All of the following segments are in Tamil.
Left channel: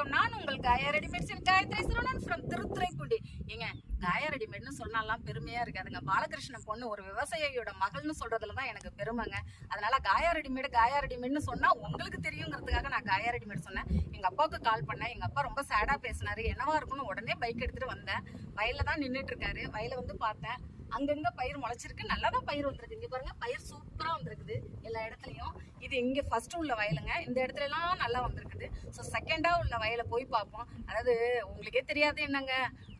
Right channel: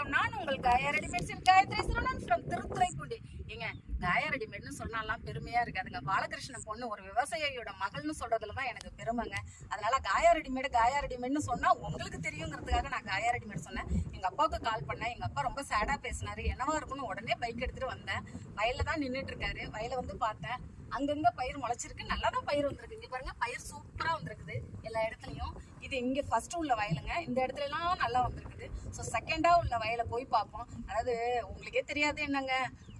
வணக்கம். நான் உங்கள் காயா ரெடிமேட்ஸின் காயத்ரி சரவணன் ஃப்ரம் திருத்துறைப்பூண்டி. ஏங்க, காயா ரெடிமேட்னு சொன்னாலாம் பெருமையா இருக்காதுங்க. பாலகிருஷ்ணன் பொண்ணு ஒரு விவசாயியோட மகள்னு சொல்றதுல தான் எனக்கு பெருமைங்க. அதனால காயா ரெடிமேட்னு சொன்னா உங்களுக்கு தெரியுங்கிறதுக்காக நான் காயா ரெடிமேட் சொன்னேன். எங்க அப்பாவுக்கு கால் பண்ணேன். எங்க அப்பா ரொம்ப சேடா பேசினாரு. என்னவா இருக்குன்னு உடனே பைக் எடுத்துட்டு வந்தேன். வயல்ல தான் நின்றுட்டு இருக்காரு. வயல வந்து பார்த்தேன். அங்கங்க பயிர் முளைச்சிருக்கு. நல்லா தான் பயிர் வந்திருக்கு. இங்க பாருங்க, பயிர் சூப்பரா வந்திருக்குது எல்லா இடத்துலயும். இது இங்க ஃபர்ஸ்ட் உள்ள வயலுங்க. இந்த இடத்துல எல்லாம் நல்லா வந்திருக்குது. ஸோ செகண்டா உள்ள வயலை போய் பார்ப்போம். அதாவது உங்களுக்கே தெரியாது என்னங்க,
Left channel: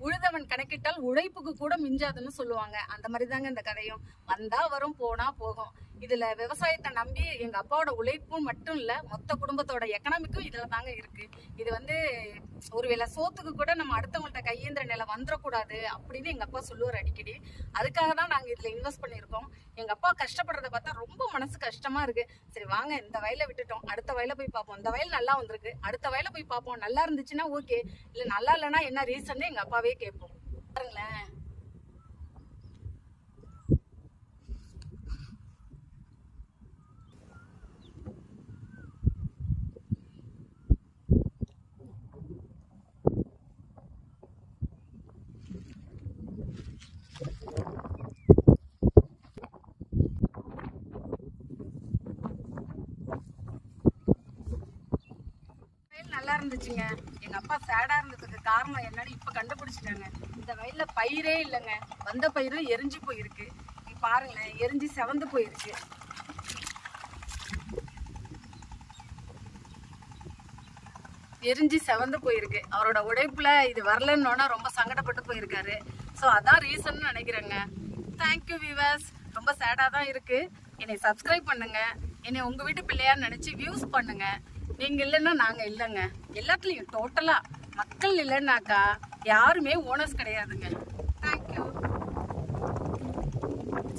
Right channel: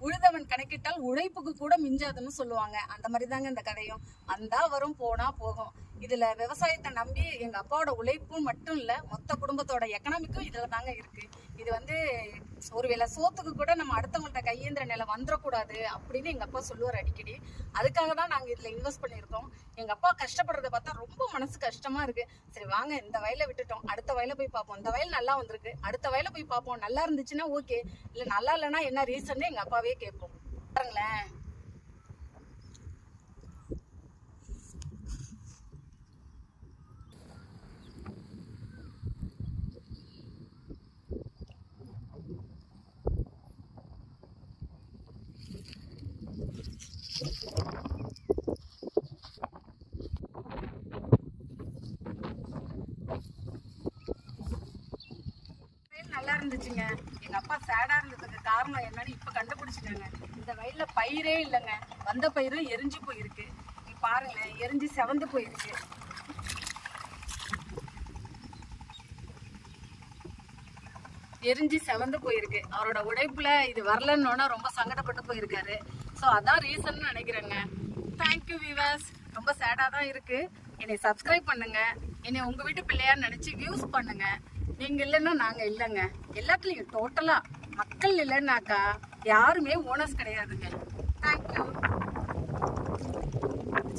உழுதவன் கணக்கிட்டால் உழைப்புக்கு கூட மிஞ்சாதுன்னு சொல்லுவாங்க. அந்த மாதிரி தாங்க இந்த கதையும். வந்தா வரும், போனா போகும். இதுல விவசாயத்தை நம்பி எங்க அப்பாவோட உழைப்பும் மட்டும் இல்ல, மொத்த குடும்பத்தோட எக்கனாமிக்கும் இதுல தாங்க இருக்கு. இது வந்து ஒருவேளை சோத்துக்கு கூட நம்ம அடுத்தவங்கள்ட்ட கையேந்திர நிலை வந்துடக்கூடாது அப்படின்னு எங்க அப்பா சொல்லுவார் அடிக்கடி. அதுக்காக தான் நாங்க இதுல இன்வெஸ்ட் பண்ணியிருக்கோம். எங்க அப்பா கஷ்டப்படுறத பார்த்தா ரொம்ப மனசு கஷ்டமா இருக்கு. சரி வாங்க, இந்த வயலை விட்டுட்டோம், அடுத்த வயலை போய் பார்ப்போம். இந்த வயல் நல்லா வந்திருக்கு, அடுத்த வயலை போய் பார்ப்போம். நல்லா இருந்துச்சுன்னா ஓகே, இல்ல நல்லா இல்லைன்னா என்ன ரீசன் எங்க அப்பாவே கேட்போம். பாருங்களேன், நல்லா இருந்துச்சுங்க. எங்க அப்பா சேடா இருந்ததுக்கு காரணம் என்னன்னு இப்ப கண்டுபிடிச்சிட்டாங்க. இந்த வயல்ல பயிரே இல்லைங்க. வந்த பயிரும் எரிஞ்சு போயிருக்கு. பாருங்களேன், எரிஞ்சு செவந்து போயிருக்கு. எரிஞ்சு செவந்து போயிருக்கு. அவரோட உழைப்புல இது வரலன்னு ரொம்ப சங்கடப்பட்டு போயிருக்காரு. ஸோ அதான் ரீசன் நினைக்கிறேங்க. Thank you viewers. ரொம்ப சேடா தான் இருக்கு. என்னை சப்ஸ்கிரைப் பண்ணுங்க. என்னை உங்க வீட்டு பிள்ளையான்னு நினைச்சு வியூஸ் பண்ணுங்க. நீங்க இல்லைன்னா நாங்க இல்லைங்க. எல்லாத்துலயும் டோட்டலா மக்கள் இல்லைன்னாக்கா யாருமே ஓனர்ஸ் கிடையாதுங்க. தேங்க்யூ.